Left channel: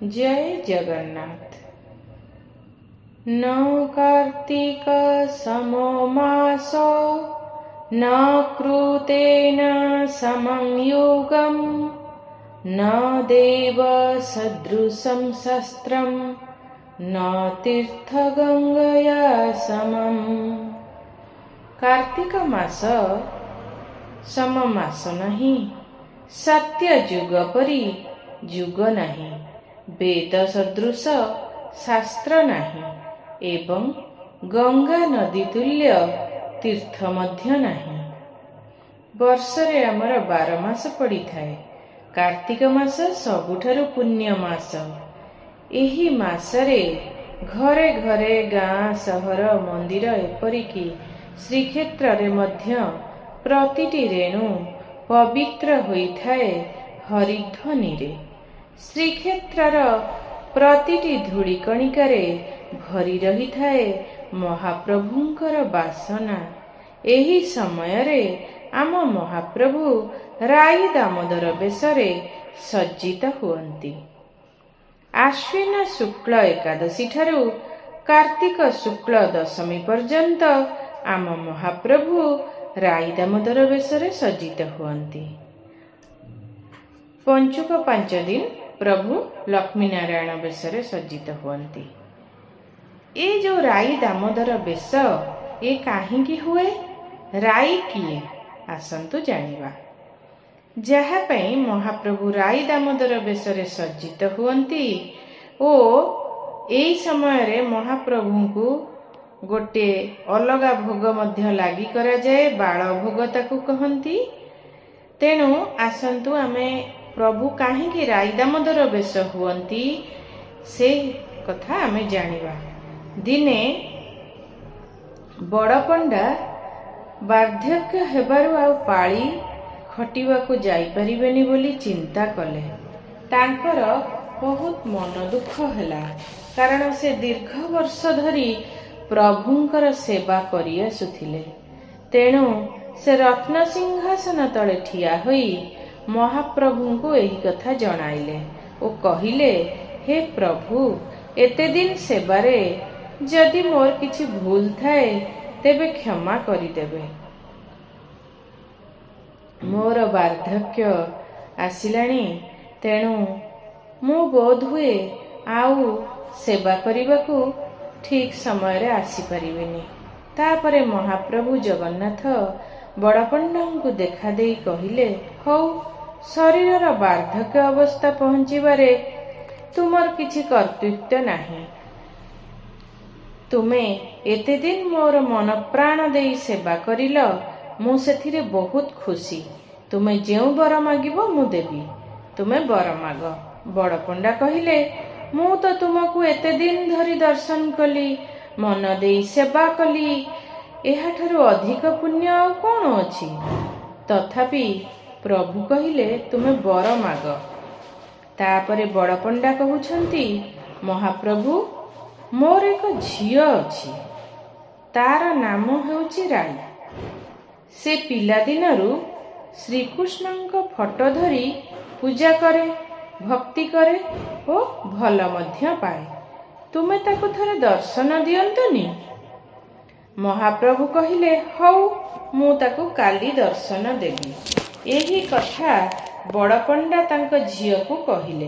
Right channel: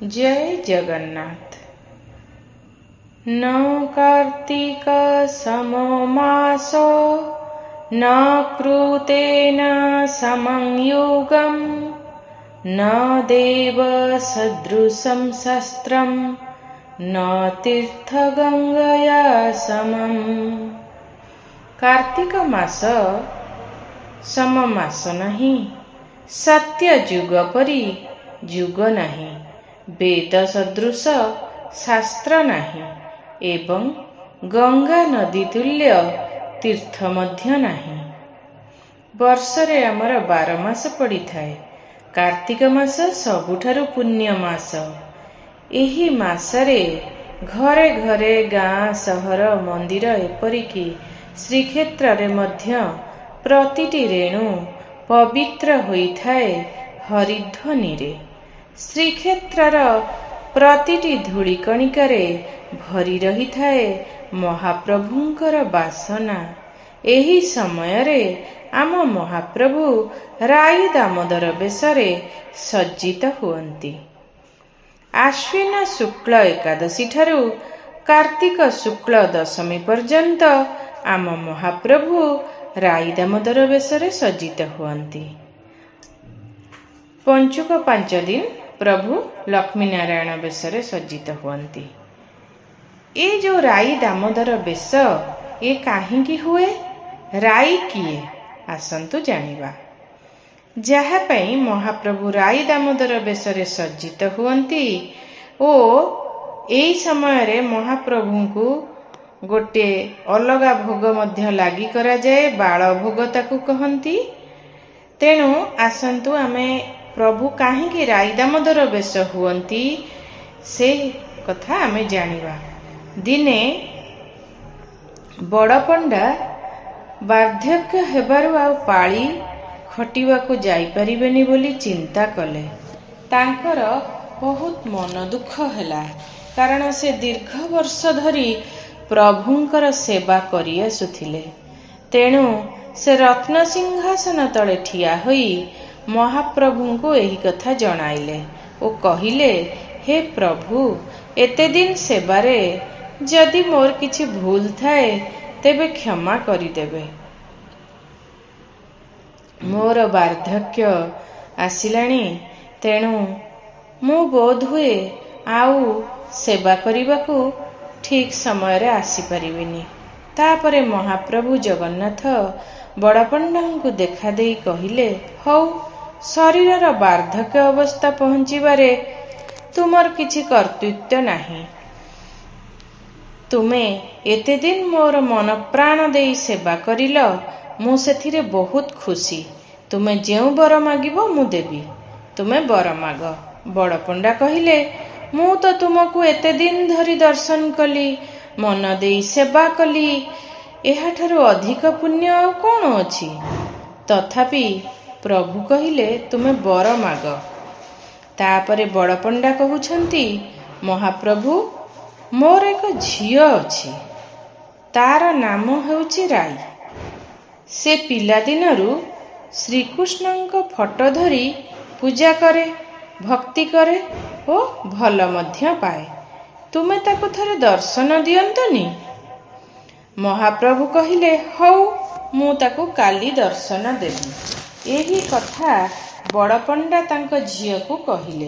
जय जगन्नाथ। न कार्तिक समो मासो न कृतेन समं योगं न देव सदृशं शस्त्रं न तीर्थगंगया समं। कार्तिक मास सम मास नहीं, सत्य युग परी युग नहीं, वेद सदृश शास्त्र नहीं एवं गंगा नदी तुल्य तीर्थ मध्य नहीं। वर्षरे आमर 12 मास पड़ी थाए। कार्तिक मास सबुठारु पुण्य मास। एही मासरे घरे घरे गाँ सहर मंदिर एपरिकी श्रीक्षेत्र रे मध्य प्रतिटी रेणु पवित्र होइथाए हरिध्वनि रे। श्रीक्षेत्रर प्रतिटी धूଳି कणिकारे भरी रही थाए महाप्रभुंकर बासना। एही समयरे आम महाप्रभु राई दामोदर बेशरे सज्जित हुअन्ति। आश्विन शुक्ल एकादशी ठारू कार्तिक शुक्ल दशमी पर्यंत आम महाप्रभु राई दामोदर बेशरे सज्जित हुअन्ति। पंचुक 5 दिन प्रभु लक्ष्मी नारायण बेशरे सज्जित हुअन्ति। ए जो राई दामोदर बेश ये काहिंकी हुए, राई किए, आसंतु जानिबा। जहा पई महाप्रभु राई दामोदर बेशरे सज्जित हुअन्ति ओ एई समय रे महाप्रभु को गोटे अलगा भोग मध्य लागि करा जाए, बाळ भोग ताकू कहंती। तेणु आसंतु आमे प्रभु काहिंकी राई दामोदर बेश हुअन्ति से कथा आमे जानिबा। दिने बड़ पंडा वार्धक्य हेबारु आ पाळी खटिबाकू जाई परिबेनी बोली चिंता कले। तांकर बहुत मन दुख हैला, कारण से दीर्घ वर्ष धरी प्रभुंकर सेवा करि आसुथिले। तेणु से रत्न सिंहासन तले ठिया होई महाप्रभु को यही कथा जणाइले ओ कहिले, हे प्रभु, एते दिन सेवारे जदि मोर किछि भूल थाए तेबे क्षमा करिदेबे। मोर वार्धक्य आसिलाणी, तेणु मु बोध हुए आउ सेवा करिबाकू ठीक समय रे आसी परिबिनी। तापरे महाप्रभु जगन्नाथ बड़पंडा को देखा देई कहिले, हौ शरीर वार्धक्य अवस्था पहुंचीबारे तुमर किछि कर्तृत्व नाही। तुमे एते दिन मोर मन प्राण देई सेवा करिल, मु सेथिरे बहुत खुशी। तुमे जेउ बर मागिबो मु देबी, तुमे बर माग। बड़पंडा कहिले, मु तो तुमको एते दिन धरी दर्शन कली, मन देई सेवा कली, एहाठारु अधिक पुण्य आ कोन अछि? तथापि प्रभु कहिले, तुमे बर माग। तापरे बड़पंडा कहउछंती, महाप्रभु, मोर एक झियो अछि, तार नाम हेउछि राई। से पिला दिनरु श्रीकृष्णଙ୍କ फोटो धरी पूजा करे, भक्ति करे ओ भल मध्य पाए। तुमे ताको थरे दर्शन दियंतनी? महाप्रभु कहिले, हौ मु ताको काली दर्शन देबी। एही कथा बड़पंडा तांक झियो को कहिले।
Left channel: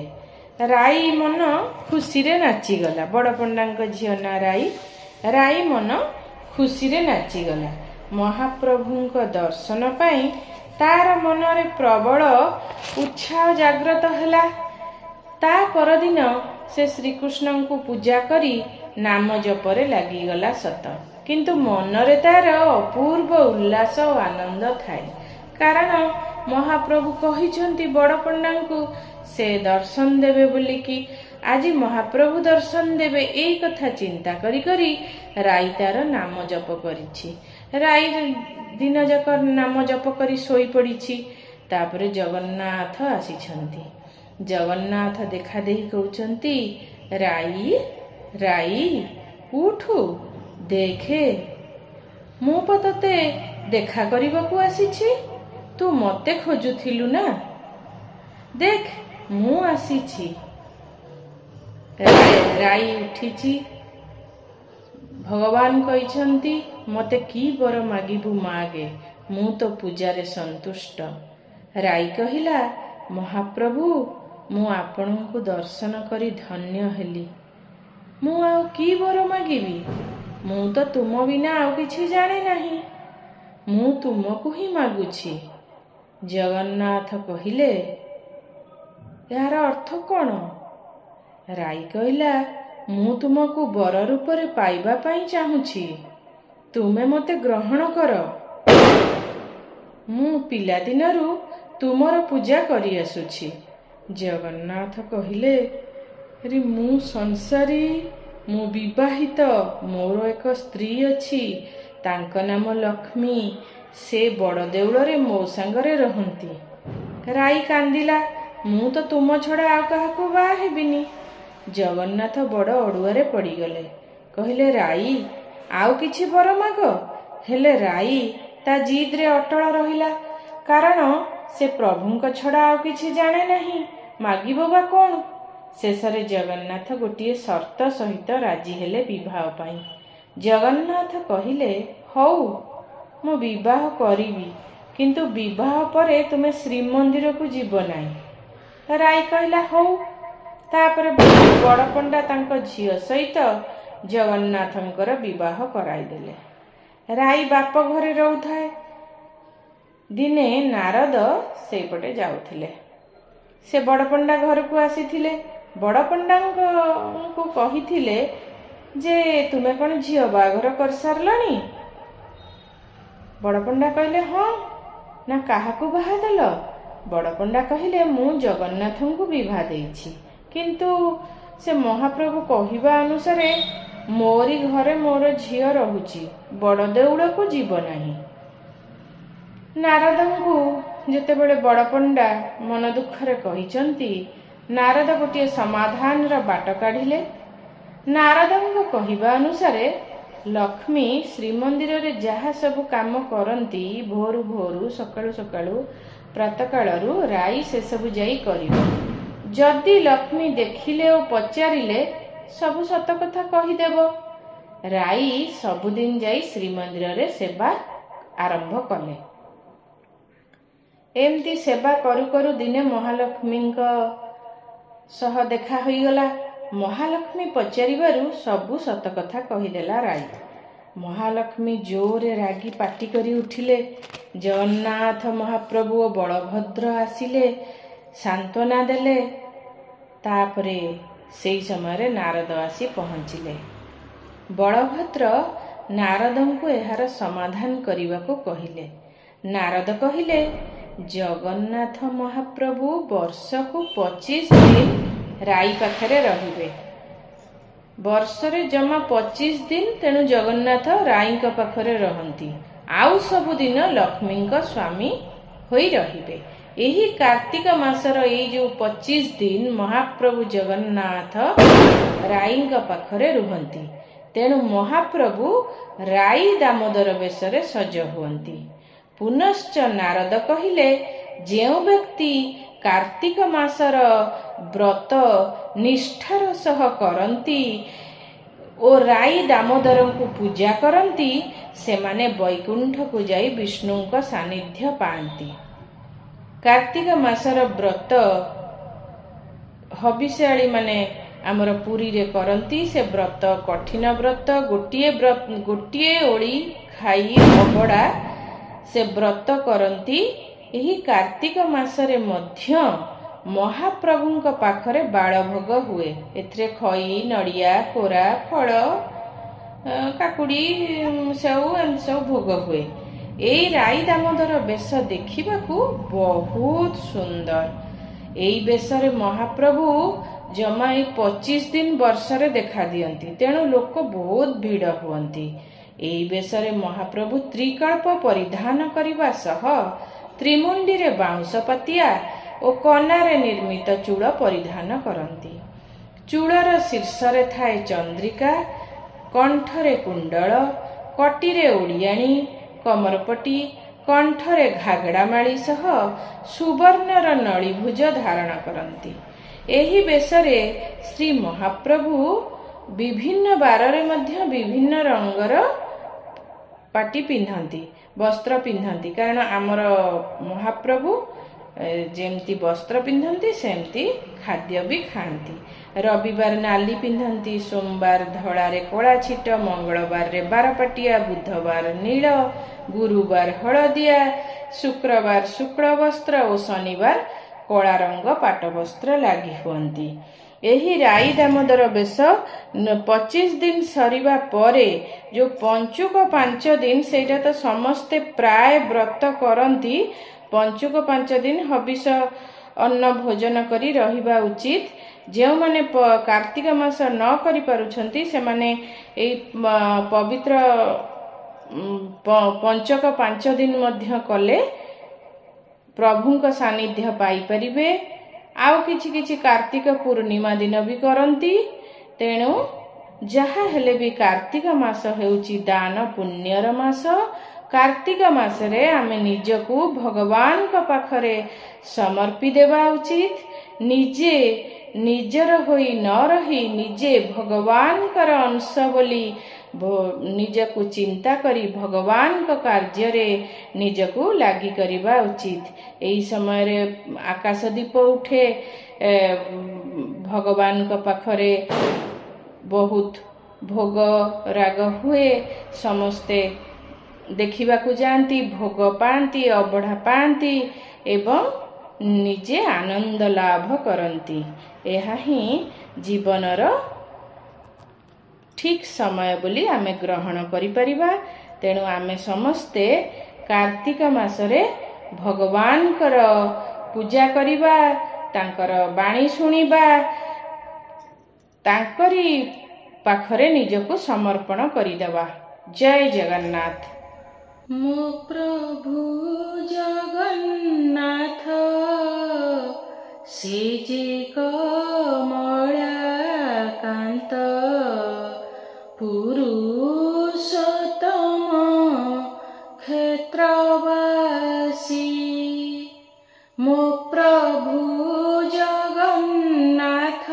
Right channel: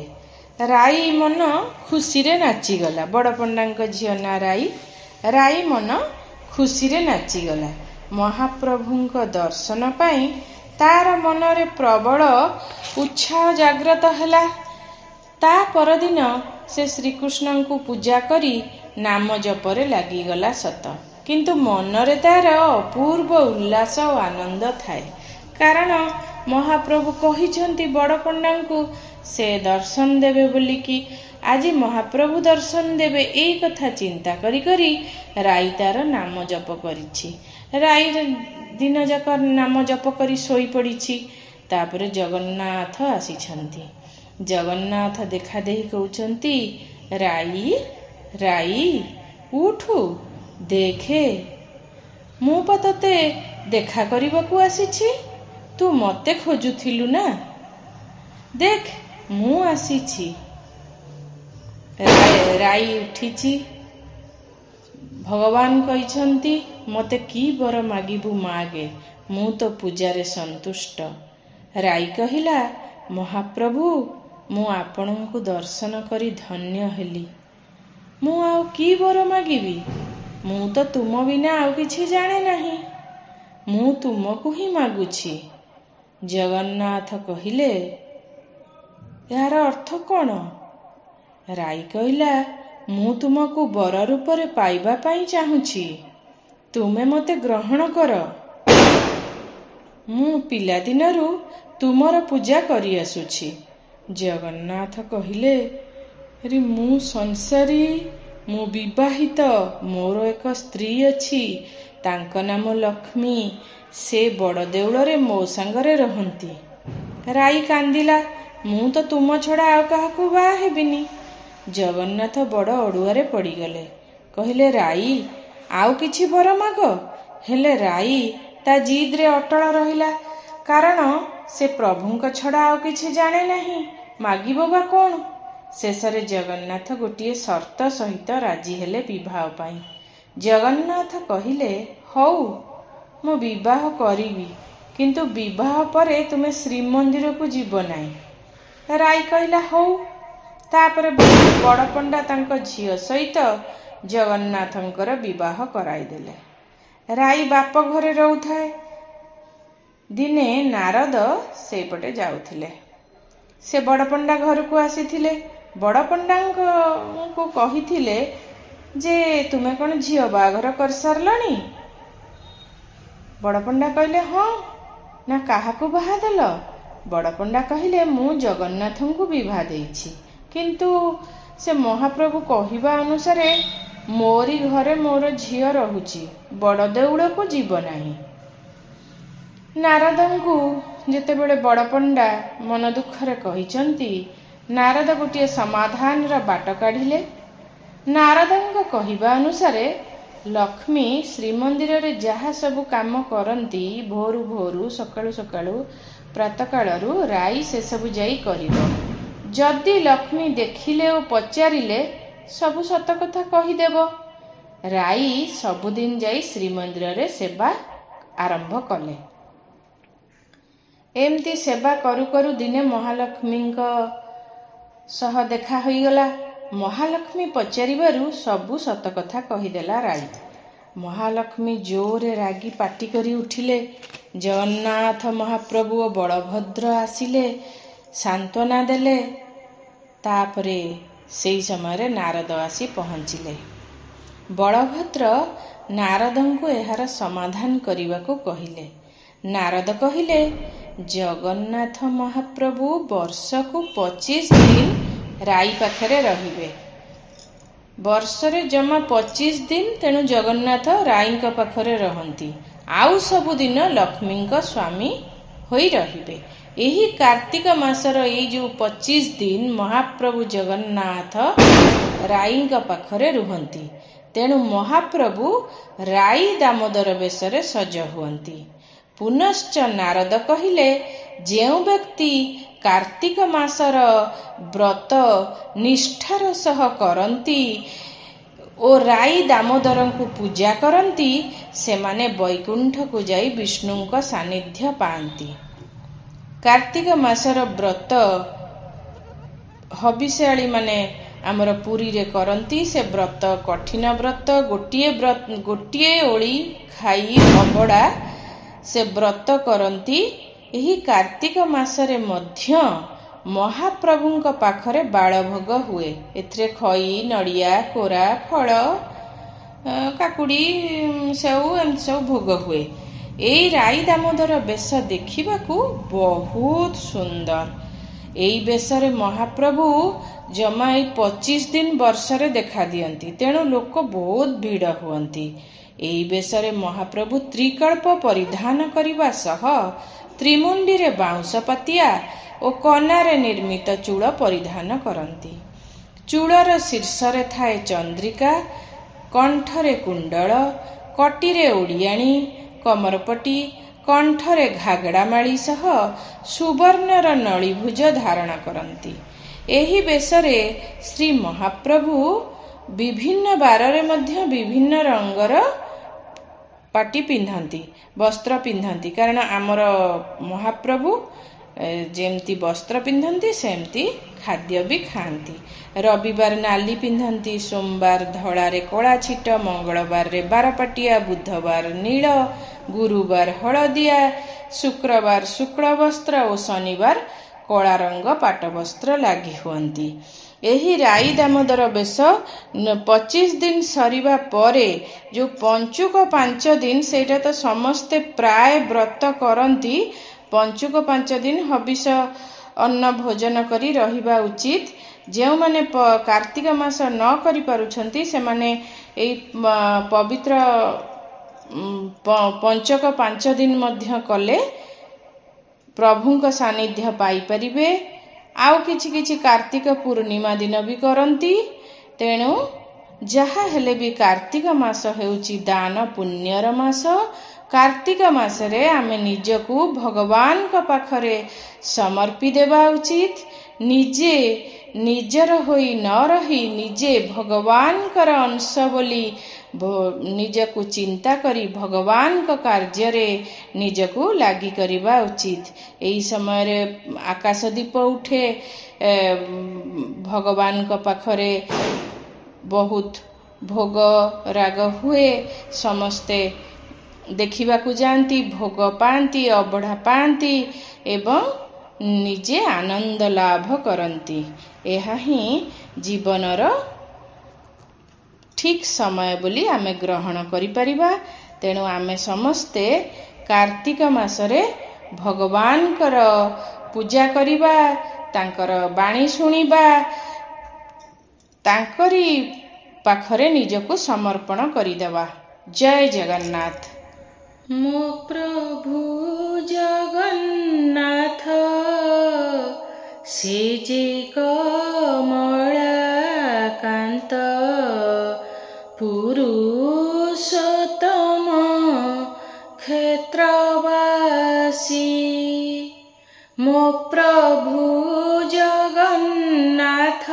राई मन खुशी रे नाची गला। बड़पंडा झियो ना राई, राई मन खुशी रे नाची गला। महाप्रभुंक दर्शन पाई तार मनरे प्रबल उत्साह जागृत हैला। ता परदिन से श्रीकृष्ण को पूजा करी नाम जपरे लागि गला सत, किंतु मनरे तार अपूर्व उल्लास और आनंद थाए। कारण महाप्रभु कहिछंती बड़पंडा को से दर्शन देवे बोली कि आज महाप्रभु दर्शन देवे, एई कथा चिंता करी करी राई तार नाम जप करिछि। राई दिन जाक नाम जप करी सोई पड़िछि। तापरे जगन्नाथ आसीछंती। जगन्नाथ देखा देही कहउछंती, राई राई उठु देखे, मु पतते देखा करिबाकू आसीछि। तू मते खोजुथिलु ना, देख मु आसीछि। ରାଇ ଉଠିଛି। ଭଗବାନ କହିଛନ୍ତି ମୋତେ କି ବର ମାଗିବୁ ମାଗେ, ମୁଁ ତ ପୂଜାରେ ସନ୍ତୁଷ୍ଟ। ରାଇ କହିଲା, ମହାପ୍ରଭୁ, ମୁଁ ଆପଣଙ୍କୁ ଦର୍ଶନ କରି ଧନ୍ୟ ହେଲି। ମୁଁ ଆଉ କି ବର ମାଗିବି? ମୁଁ ତ ତୁମ ବିନା ଆଉ କିଛି ଜାଣେ ନାହିଁ। ମୁଁ ତୁମକୁ ହିଁ ମାଗୁଛି। ଜଗନ୍ନାଥ କହିଲେ, ଏହାର ଅର୍ଥ କ'ଣ? ରାଇ କହିଲା, ମୁଁ ତୁମକୁ ବର ରୂପରେ ପାଇବା ପାଇଁ ଚାହୁଁଛି। ତୁମେ ମୋତେ ଗ୍ରହଣ କର। ମୁଁ ପିଲାଦିନରୁ ତୁମର ପୂଜା କରି ଆସୁଛି। ଜଗନ୍ନାଥ କହିଲେ, ମୁଁ ସଂସାରୀ, ମୁଁ ବିବାହିତ, ମୋର ଏକ ସ୍ତ୍ରୀ ଅଛି, ତାଙ୍କ ନାମ ଲକ୍ଷ୍ମୀ। ସେ ବଡ଼ ଦେଉଳରେ ମୋ ସାଙ୍ଗରେ ରହନ୍ତି। ରାଇ କାନ୍ଦିଲା, ମୁଁ ତ ତୁମ ଛଡ଼ା ଆଉ କାହାକୁ ବାହା ହେବିନି। ଜଗନ୍ନାଥ ବଡ଼ ଅଡ଼ୁଆରେ ପଡ଼ିଗଲେ। କହିଲେ, ରାଇ, ଆଉ କିଛି ବର ମାଗ। ହେଲେ ରାଇ ତା ଜିଦରେ ଅଟଳ ରହିଲା, କାରଣ ସେ ପ୍ରଭୁଙ୍କ ଛଡ଼ା ଆଉ କିଛି ଜାଣେ ନାହିଁ। ମାଗିବ ବା କ'ଣ? ଶେଷରେ ଜଗନ୍ନାଥ ଗୋଟିଏ ସର୍ତ୍ତ ସହିତ ରାଜି ହେଲେ ବିବାହ ପାଇଁ। ଜଗନ୍ନାଥ କହିଲେ, ହଉ, ମୁଁ ବିବାହ କରିବି, କିନ୍ତୁ ବିବାହ ପରେ ତୁମେ ଶ୍ରୀମନ୍ଦିରକୁ ଯିବ ନାହିଁ। ରାଇ କହିଲା, ହଉ। ତାପରେ ବଡ଼ ପଣ୍ଡା ତାଙ୍କ ଝିଅ ସହିତ ଜଗନ୍ନାଥଙ୍କର ବିବାହ କରାଇଦେଲେ। ରାଇ ବାପ ଘରେ ରହୁଥାଏ। ଦିନେ ନାରଦ ସେଇପଟେ ଯାଉଥିଲେ। ସେ ବଡ଼ ପଣ୍ଡା ଘରକୁ ଆସିଥିଲେ। ବଡ଼ ପଣ୍ଡାଙ୍କୁ କହିଥିଲେ ଯେ, ତୁମେ କ'ଣ ଝିଅ ବାହାଘର କରିସାରିଲଣି? ବଡ଼ ପଣ୍ଡା କହିଲେ, ହଁ। ନା କାହାକୁ ବାହା ଦେଲ? ବଡ଼ ପଣ୍ଡା କହିଲେ, ମୁଁ ଜଗନ୍ନାଥଙ୍କୁ ବିବାହ ଦେଇଛି, କିନ୍ତୁ ସେ ମହାପ୍ରଭୁ କହିବା ଅନୁସାରେ ମୋରି ଘରେ ମୋର ଝିଅ ରହୁଛି, ବଡ଼ ଦେଉଳକୁ ଯିବ ନାହିଁ। ନାରଦଙ୍କୁ ଯେତେବେଳେ ବଡ଼ ପଣ୍ଡା ମନ ଦୁଃଖରେ କହିଛନ୍ତି, ନାରଦ ଗୋଟିଏ ସମାଧାନର ବାଟ କାଢ଼ିଲେ। ନାରଦଙ୍କ କହିବା ଅନୁସାରେ ଲକ୍ଷ୍ମୀ ଶ୍ରୀମନ୍ଦିରରେ ଯାହା ସବୁ କାମ କରନ୍ତି, ଭୋରୁ ଭୋରୁ ସକାଳୁ ସକାଳୁ ପ୍ରାତଃକାଳରୁ ରାଇ ସେସବୁ ଯାଇ କରିବ। ଯଦି ଲକ୍ଷ୍ମୀ ଦେଖିଲେ ଓ ପଚାରିଲେ ସବୁ ସତ କଥା କହିଦେବ। ରାଇ ସବୁଦିନ ଯାଇ ଶ୍ରୀମନ୍ଦିରରେ ସେବା ଆରମ୍ଭ କଲେ। ଏମିତି ସେବା କରୁ କରୁ ଦିନେ ମହାଲକ୍ଷ୍ମୀଙ୍କ ସହ ଦେଖା ହୋଇଗଲା। ମହାଲକ୍ଷ୍ମୀ ପଚାରିବାରୁ ସବୁ ସତ କଥା କହିଦେଲା ରାଇ। ମହାଲକ୍ଷ୍ମୀ ଜୋରରେ ରାଗି ପାଟି କରି ଉଠିଲେ। ଜଗନ୍ନାଥ ମହାପ୍ରଭୁ ଓ ବଳଭଦ୍ର ଆସିଲେ, ସାନ୍ତ୍ୱନା ଦେଲେ। ତାପରେ ସେହି ସମୟରେ ନାରଦ ଆସି ପହଞ୍ଚିଲେ। ବଳଭଦ୍ର ନାରଦଙ୍କୁ ଏହାର ସମାଧାନ କରିବାକୁ କହିଲେ। ନାରଦ କହିଲେ, ଜଗନ୍ନାଥ ମହାପ୍ରଭୁ ବର୍ଷକୁ 25 ଦିନ ରାଇ ପାଖରେ ରହିବେ। ବର୍ଷରେ ଜମା 25 ଦିନ, ତେଣୁ ଜଗନ୍ନାଥ ରାଇଙ୍କ ପାଖରେ ରହନ୍ତି। ଆଉ ସବୁଦିନ ଲକ୍ଷ୍ମୀଙ୍କ ସ୍ୱାମୀ ହୋଇ ରହିବେ। ଏହି କାର୍ତ୍ତିକ ମାସର ଏଇ ଯେଉଁ 25 ଦିନ ମହାପ୍ରଭୁ ଜଗନ୍ନାଥ ରାଇଙ୍କ ପାଖରେ ରୁହନ୍ତି। ତେଣୁ ମହାପ୍ରଭୁ ରାଇ ଦାମୋଦର ବେଶରେ ସଜ ହୁଅନ୍ତି। ପୁନଶ୍ଚ ନାରଦ କହିଲେ, ଯେଉଁ ବ୍ୟକ୍ତି କାର୍ତ୍ତିକ ମାସର ବ୍ରତ ନିଷ୍ଠାର ସହ କରନ୍ତି ଓ ରାଇ ଦାମୋଦରଙ୍କୁ ପୂଜା କରନ୍ତି, ସେମାନେ ବୈକୁଣ୍ଠକୁ ଯାଇ ବିଷ୍ଣୁଙ୍କ ସାନ୍ନିଧ୍ୟ ପାଆନ୍ତି। କାର୍ତ୍ତିକ ମାସର ବ୍ରତ ହବିଷ୍ୟାଳୀ ମାନେ ଆମର ପୁରୀରେ କରନ୍ତି। ସେ ବ୍ରତ କଠିନ ବ୍ରତ। ଗୋଟିଏ ଓଳି ଖାଇ ଅବଢ଼ା ସେ ବ୍ରତ କରନ୍ତି। ଏହି କାର୍ତ୍ତିକ ମାସରେ ମଧ୍ୟ ମହାପ୍ରଭୁଙ୍କ ପାଖରେ ବାଳଭୋଗ ହୁଏ। ଏଥିରେ ଖଇ, ନଡ଼ିଆ, କୋରା, ଫଳ, କାକୁଡ଼ି, ସେଉ ଏମିତି ସବୁ ଭୋଗ ହୁଏ। ଏଇ ରାଇ ଦାମୋଦର ବେଶ ଦେଖିବାକୁ ବହୁତ ସୁନ୍ଦର। ଏଇ ବେଶରେ ମହାପ୍ରଭୁ ଜମା ଏଇ 25 ଦିନ ବର୍ଷରେ ଦେଖା ଦିଅନ୍ତି। ତେଣୁ ଲୋକ ବହୁତ ଭିଡ଼ ହୁଅନ୍ତି। ଏହି ବେଶରେ ମହାପ୍ରଭୁ ତ୍ରିକଳ୍ପ ପରିଧାନ କରିବା ସହ ତ୍ରିମୁଣ୍ଡିରେ ବାଉଁଶ ପାତିଆ ଓ କନାରେ ନିର୍ମିତ ଚୂଳ ପରିଧାନ କରନ୍ତି। ଚୂଳର ଶୀର୍ଷରେ ଥାଏ ଚନ୍ଦ୍ରିକା, କଣ୍ଠରେ କୁଣ୍ଡଳ, କଟିରେ ଓଡ଼ିଆଣୀ, କମରପଟି, କଣ୍ଠରେ ଘାଗଡ଼ା ମାଳି ସହ ସୁବର୍ଣ୍ଣର ନଳିଭୁଜ ଧାରଣ କରନ୍ତି। ଏହି ବେଶରେ ଶ୍ରୀ ମହାପ୍ରଭୁ ବିଭିନ୍ନ ବାରରେ ମଧ୍ୟ ବିଭିନ୍ନ ରଙ୍ଗର ପାଟି ପିନ୍ଧନ୍ତି, ବସ୍ତ୍ର ପିନ୍ଧନ୍ତି। କାରଣ ଆମର ମହାପ୍ରଭୁ ଯେମିତି ବସ୍ତ୍ର ପିନ୍ଧନ୍ତି ସେମିତି ଖାଦ୍ୟ ବି ଖାଆନ୍ତି। ରବିବାର ନାଲି ପିନ୍ଧନ୍ତି, ସୋମବାର ଧଳାରେ କଳା ଛିଟ, ମଙ୍ଗଳବାରରେ ବାରପାଟିଆ, ବୁଧବାର ନୀଳ, ଗୁରୁବାର ହଳଦିଆ, ଶୁକ୍ରବାର ଶୁକ୍ଳ ବସ୍ତ୍ର ଓ ଶନିବାର କଳା ରଙ୍ଗ ପାଟ ବସ୍ତ୍ର ଲାଗି ହୁଅନ୍ତି। ଏହି ରାଇ ଦାମୋଦର ବେଶ 25 ଦିନ ସରିବା ପରେ ଯେଉଁ ପଞ୍ଚୁକ 5 ଦିନ, ସେଇଟା ତ ସମସ୍ତେ ପ୍ରାୟ ବ୍ରତ କରନ୍ତି। ପଞ୍ଚୁକ 5 ଦିନ ହବିଷ ଅନ୍ନ ଭୋଜନ କରି ରହିବା ଉଚିତ। ଯେଉଁମାନେ କାର୍ତ୍ତିକ ମାସ ନ କରିପାରୁଛନ୍ତି ସେମାନେ ଏଇ ପବିତ୍ର ପଞ୍ଚକ 5 ଦିନ ମଧ୍ୟ କଲେ ପ୍ରଭୁଙ୍କ ସାନ୍ନିଧ୍ୟ ପାଇପାରିବେ। ଆଉ କିଛି କାର୍ତ୍ତିକ ପୂର୍ଣ୍ଣିମା ଦିନ ବି କରନ୍ତି। ତେଣୁ ଯାହା ହେଲେ ବି କାର୍ତ୍ତିକ ମାସ ହେଉଛି ଦାନ ପୁଣ୍ୟର ମାସ। କାର୍ତ୍ତିକ ମାସରେ ଆମେ ନିଜକୁ ଭଗବାନଙ୍କ ପାଖରେ ସମର୍ପି ଦେବା ଉଚିତ। ନିଜେ ନିଜର ହୋଇ ନ ରହି ନିଜେ ଭଗବାନଙ୍କର ଅଂଶ ବୋଲି ନିଜକୁ ଚିନ୍ତା କରି ଭଗବାନଙ୍କ କାର୍ଯ୍ୟରେ ନିଜକୁ ଲାଗି କରିବା ଉଚିତ। ଏହି ସମୟରେ ଆକାଶ ଦୀପ ଉଠେ, ଭଗବାନଙ୍କ ପାଖରେ ବହୁତ ଭୋଗ ରାଗ ହୁଏ, ସମସ୍ତେ ଦେଖିବାକୁ ଯାଆନ୍ତି, ଭୋଗ ପାଆନ୍ତି, ଅବଢ଼ା ପାଆନ୍ତି ଏବଂ ନିଜେ ଆନନ୍ଦ ଲାଭ କରନ୍ତି। ଏହା ହିଁ ଜୀବନର ଠିକ୍ ସମୟ ବୋଲି ଆମେ ଗ୍ରହଣ କରିପାରିବା। ତେଣୁ ଆମେ ସମସ୍ତେ କାର୍ତ୍ତିକ ମାସରେ ଭଗବାନଙ୍କର ପୂଜା କରିବା, ତାଙ୍କର ବାଣୀ ଶୁଣିବା, ତାଙ୍କରି ପାଖରେ ନିଜକୁ ସମର୍ପଣ କରିଦେବା। ଜୟ ଜଗନ୍ନାଥ। ମୋ ପ୍ରଭୁ ଜଗନ୍ନାଥ ସେ ଯେ କମଳାକାନ୍ତ, ପୁରୁଷୋତ୍ତମ କ୍ଷେତ୍ରବାସୀ। ମୋ ପ୍ରଭୁ ଜଗନ୍ନାଥ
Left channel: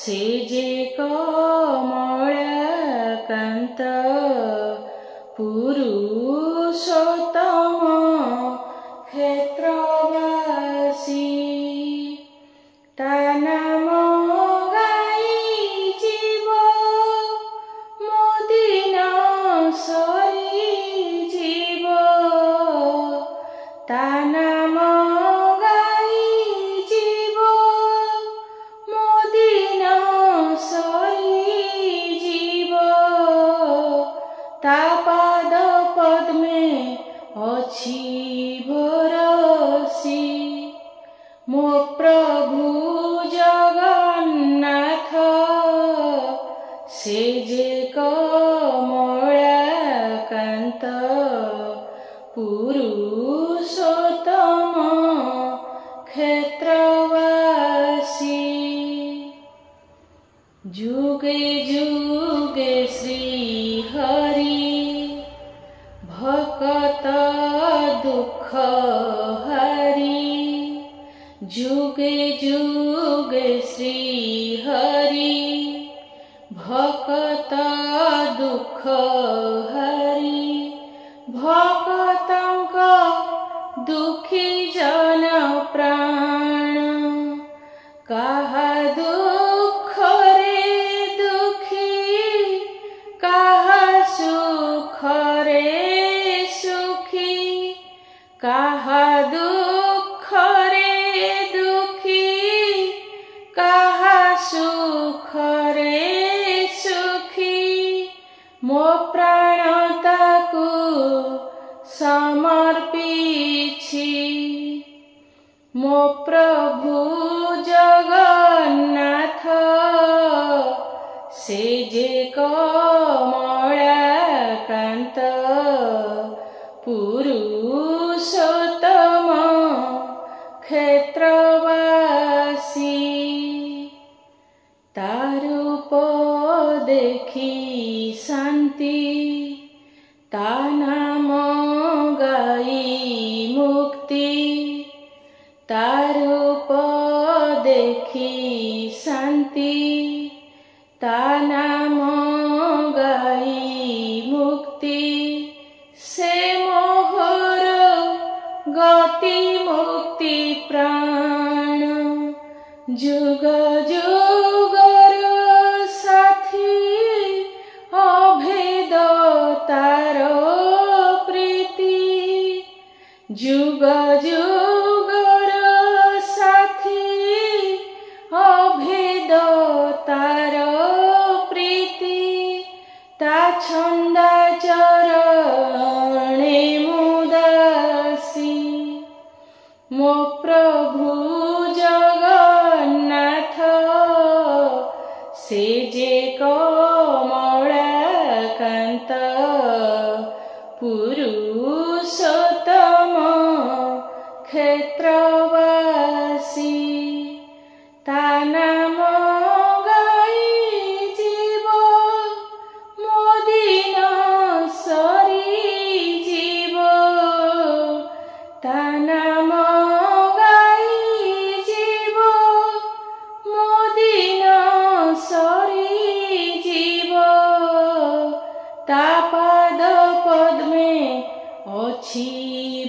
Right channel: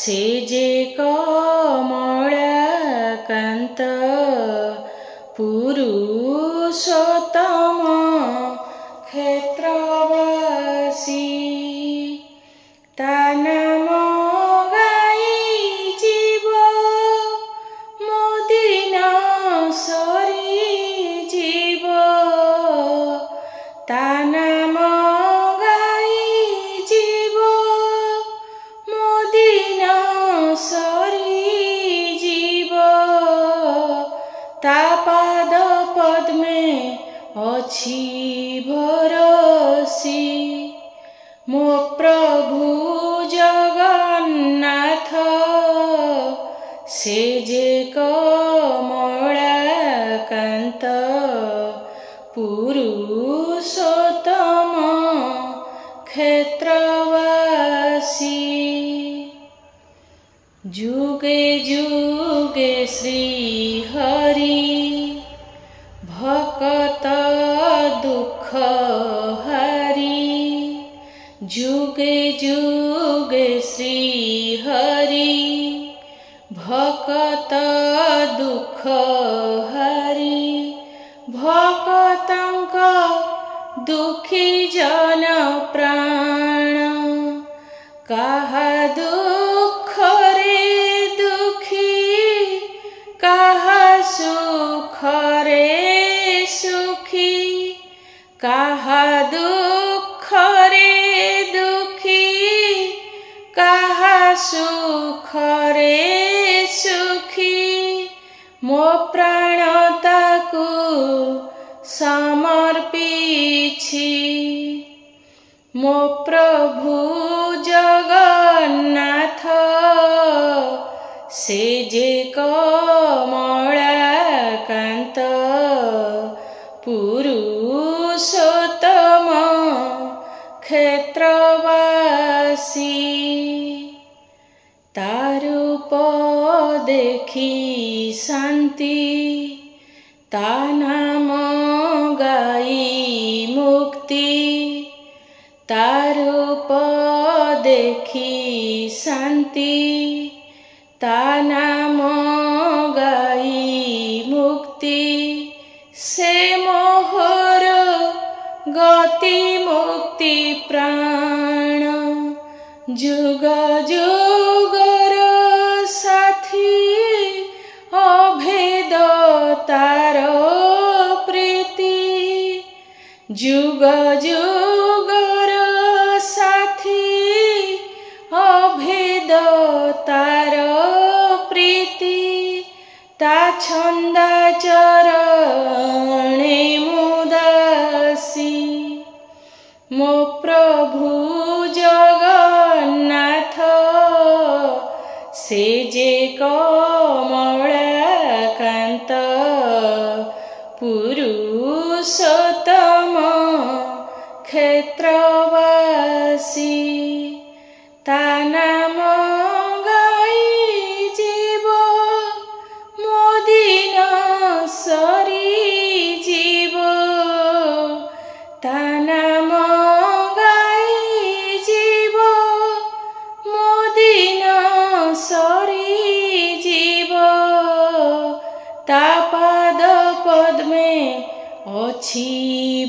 ସେ ଯେ କମଳାକାନ୍ତ, ପୁରୁଷୋତ୍ତମ କ୍ଷେତ୍ରବାସୀ। ତା ନାମ ଗାଇ ଯିବ ମୋ ଦିନ ସରିଯିବ। ତା ନାମ ଗାଇ ଯିବ ମୋ ଦିନ ସରିଯିବ। ତା ପାଦ ପଦ୍ମେ ଅଛି ଭରସି। ମୋ ପ୍ରଭୁ ଜଗନ୍ନାଥ ସେ ଯେ କମଳାକାନ୍ତ, ପୁରୁଷୋତ୍ତମ କ୍ଷେତ୍ରବାସୀ। ଯୁগে ଯୁগে ଶ୍ରୀ ହରି ଭକତ ଦୁଃଖ ହାରି। ଯୁগে ଯୁগে ଶ୍ରୀ ହରି ଭକତ ଦୁଃଖ ହାରି। ଭକତଙ୍କ ଦୁଃଖୀ ଜନ ପ୍ରାଣ, କାହା ଦୁଃଖରେ ଦୁଃଖୀ, କାହା ସୁଖରେ ସୁଖୀ। କାହା ଦୁଃଖରେ ଦୁଃଖୀ, କାହା ସୁଖରେ ସୁଖୀ। ମୋ ପ୍ରାଣ ତାକୁ ସମର୍ପିଛି। ମୋ ପ୍ରଭୁ ଜଗନ୍ନାଥ ସେ ଯେ କମଳାକାନ୍ତ, ପୁରୁଷୋତ୍ତମ କ୍ଷେତ୍ରବାସୀ। ତା ରୂପ ଦେଖି ଶାନ୍ତି, ତା ନାମ ଗାଇ ମୁକ୍ତି। ତା ରୂପ शांति ता नाम गाई मुक्ति से मोहर गति मुक्ति प्राण जुग जुगर साथी अभेद तार प्रीति जुग जुगर साथी अभेद तार प्रीति ता छंदा चरणे मुदासी मो प्रभु जगन्नाथ से जे कमलाकांत पुरुषोत्तम क्षेत्रवासी ता नाम गाई जीव मोदिन सरी जीव ता नाम गाई जीव मोदिन सरी जीव ता पाद पद्मे अछि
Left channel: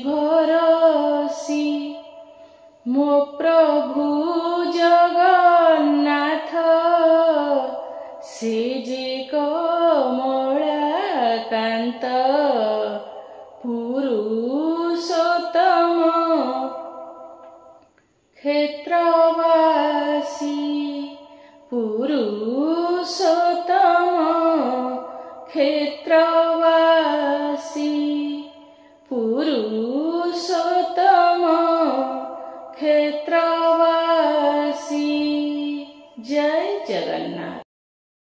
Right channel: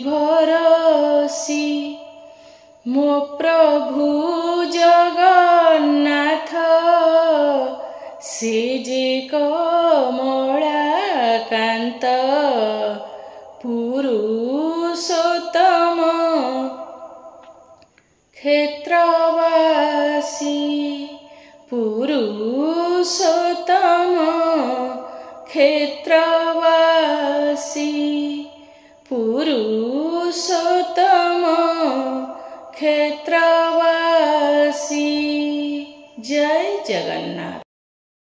भरसी मो प्रभु जगन्नाथ से जे कमलाकांत पुरुषोत्तम क्षेत्रवासी पुरुषोत्तम क्षेत्रवासी पुरुषोत्तम क्षेत्रवासी। जय जगन्नाथ।